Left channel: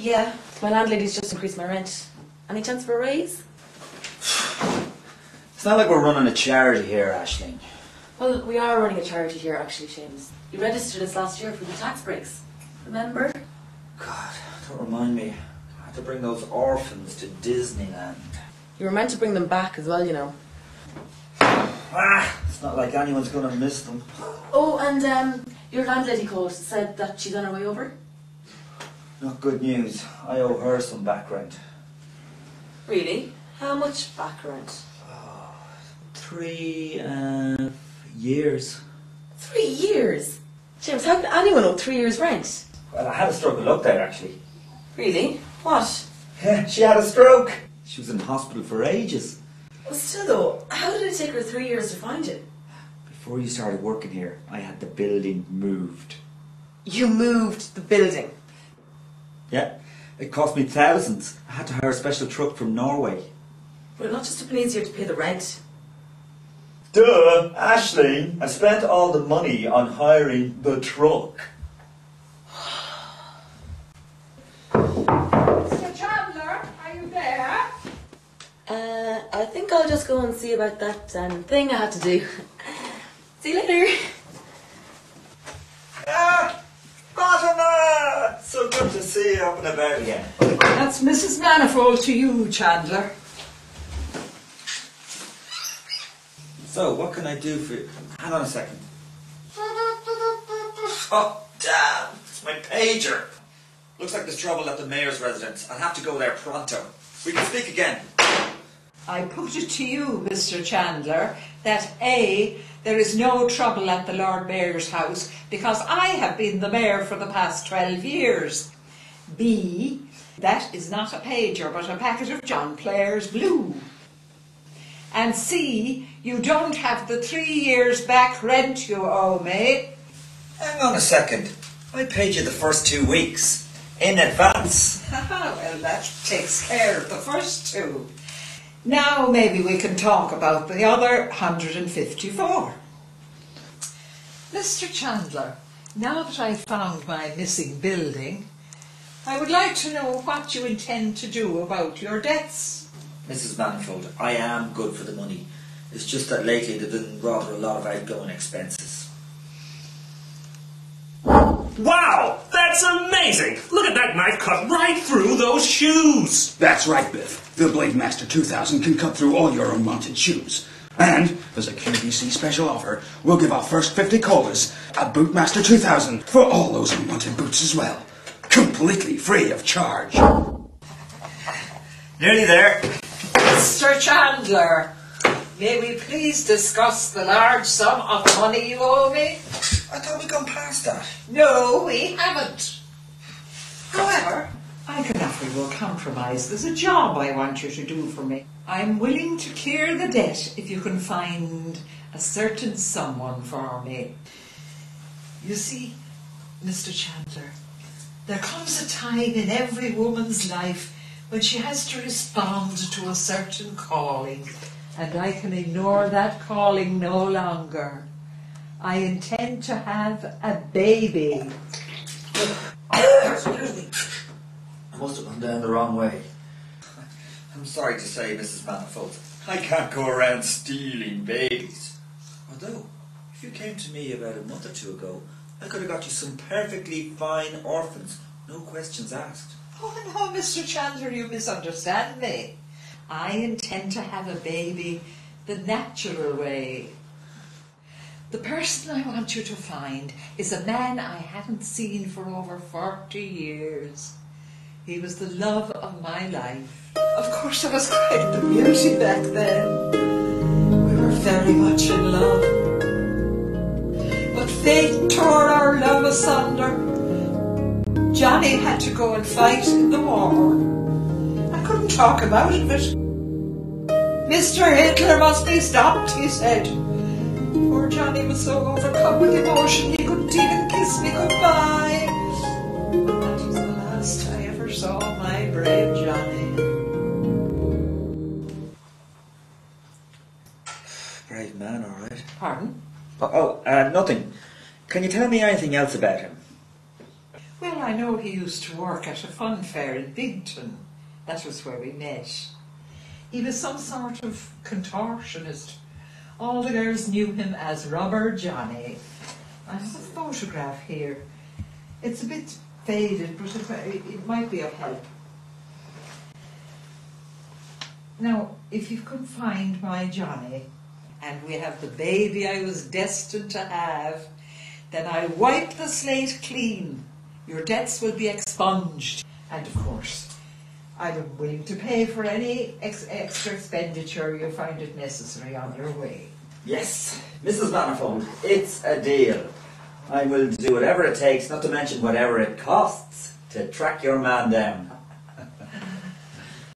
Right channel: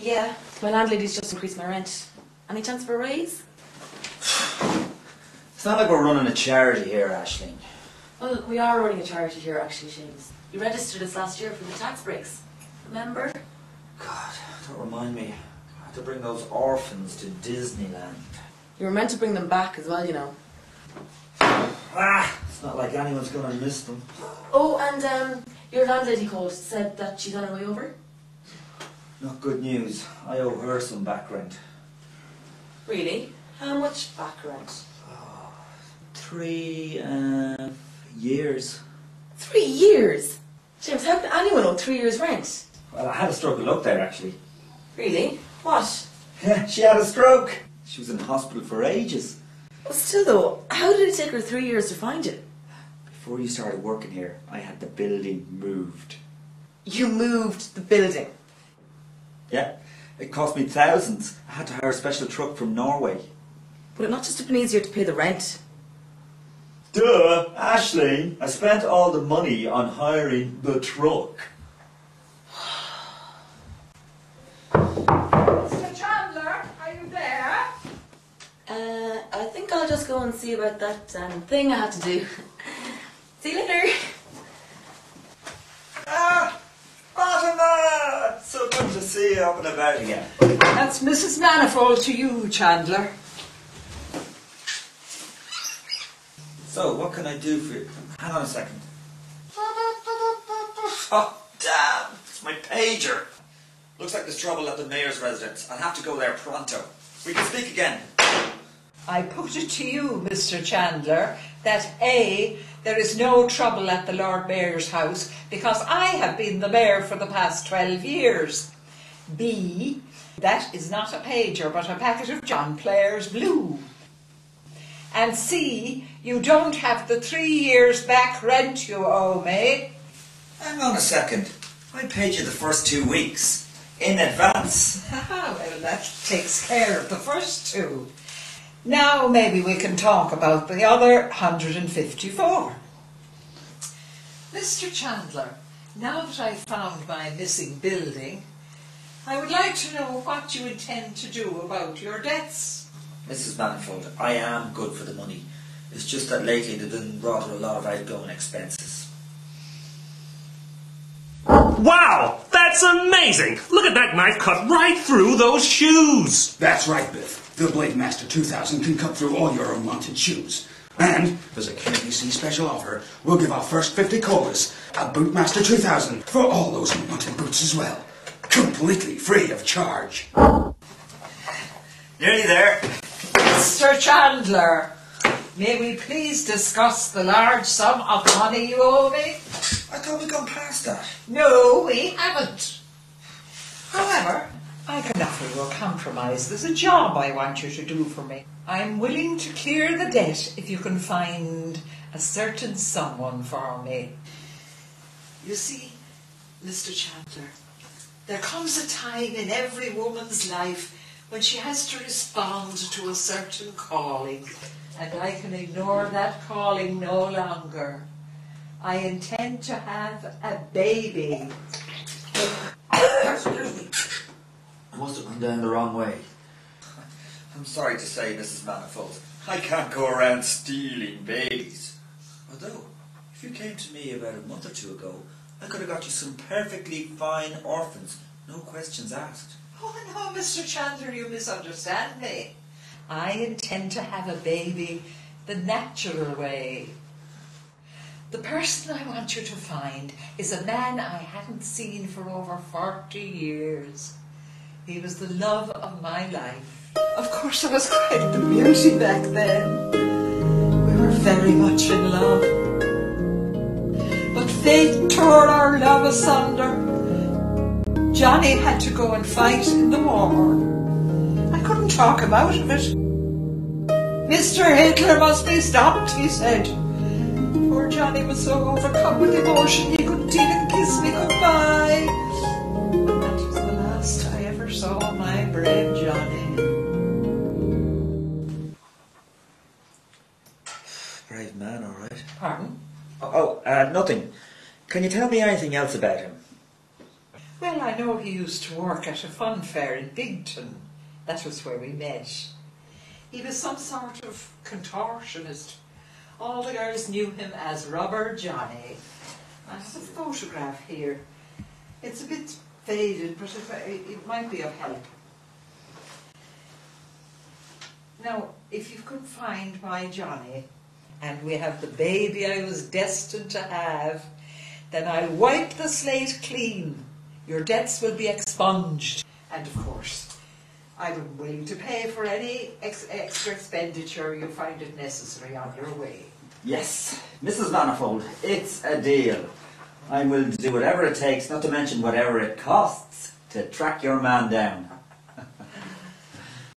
Yeah, my landlady's just increased my rent. Any chance for a raise? It's not like we're running a charity here, Aisling. Well, we are running a charity here, actually, Seamus. We registered us last year for the tax breaks. Remember? God, don't remind me. I had to bring those orphans to Disneyland. You were meant to bring them back as well, you know. It's not like anyone's going to miss them. Oh, and your landlady called, said that she's on her way over. Not good news. I owe her some back rent. Really? How much back rent? 3 years. 3 years? James, how could anyone owe 3 years' rent? Well, I had a stroke of luck there, actually. Really? What? Yeah, she had a stroke. She was in hospital for ages. Well, still though, how did it take her 3 years to find it? Before you started working here, I had the building moved. You moved the building? Yeah, it cost me thousands. I had to hire a special truck from Norway. Would it not just have been easier to pay the rent? Duh, Aisling. I spent all the money on hiring the truck. Mr. Chandler, are you there? I think I'll just go and see about that thing I have to do. See you later. Fatima! So good to see you up and about again. That's Mrs. Manifold to you, Chandler. So, what can I do for you? Hang on a second. Oh, damn! It's my pager. Looks like there's trouble at the mayor's residence. I'll have to go there pronto. We can speak again. I put it to you, Mr. Chandler, that A, there is no trouble at the Lord Mayor's house because I have been the mayor for the past 12 years. B, that is not a pager but a packet of John Player's Blue. And C, you don't have the 3 years back rent you owe me. Hang on a second. I paid you the first 2 weeks. In advance. Well, that takes care of the first 2. Now maybe we can talk about the other 154. Mr. Chandler, now that I've found my missing building, I would like to know what you intend to do about your debts. Mrs. Manifold, I am good for the money. It's just that lately there's been rather a lot of outgoing expenses. Wow! That's amazing! Look at that knife cut right through those shoes! That's right, Biff. The Blade Master 2000 can cut through all your unwanted shoes. And, as a QVC special offer, we'll give our first 50 callers a Bootmaster 2000 for all those unwanted boots as well. Completely free of charge. Nearly there. Mr. Chandler, may we please discuss the large sum of money you owe me? I thought we'd gone past that. No, we haven't. However, I can offer you a compromise. There's a job I want you to do for me. I'm willing to clear the debt if you can find a certain someone for me. You see, Mr. Chandler, there comes a time in every woman's life when she has to respond to a certain calling, and I can ignore that calling no longer. I intend to have a baby. Excuse me. I must have gone down the wrong way. I'm sorry to say, Mrs. Manifold, I can't go around stealing babies. Although, if you came to me about a month or 2 ago, I could have got you some perfectly fine orphans, no questions asked. Oh no, Mr. Chandler, you misunderstand me. I intend to have a baby the natural way. The person I want you to find is a man I haven't seen for over 40 years. He was the love of my life. Of course, I was quite the beauty back then. We were very much in love. But fate tore our love asunder. Johnny had to go and fight in the war. I couldn't talk him out of it. Mr. Hitler must be stopped, he said. Poor Johnny was so overcome with emotion he couldn't even kiss me goodbye. And that was the last I ever saw my brave Johnny. Brave man, all right. Pardon? Nothing. Can you tell me anything else about him? Well, Well, I know he used to work at a fun fair in Bigton. That was where we met. He was some sort of contortionist. All the girls knew him as Rubber Johnny. I have a photograph here. It's a bit faded, but it might be of help. Now, if you could find my Johnny, and we have the baby I was destined to have, then I'll wipe the slate clean. Your debts will be expunged. And of course, I'm willing to pay for any extra expenditure you find it necessary on your way. Yes, Mrs. Manifold, it's a deal. I will do whatever it takes, not to mention whatever it costs, to track your man down.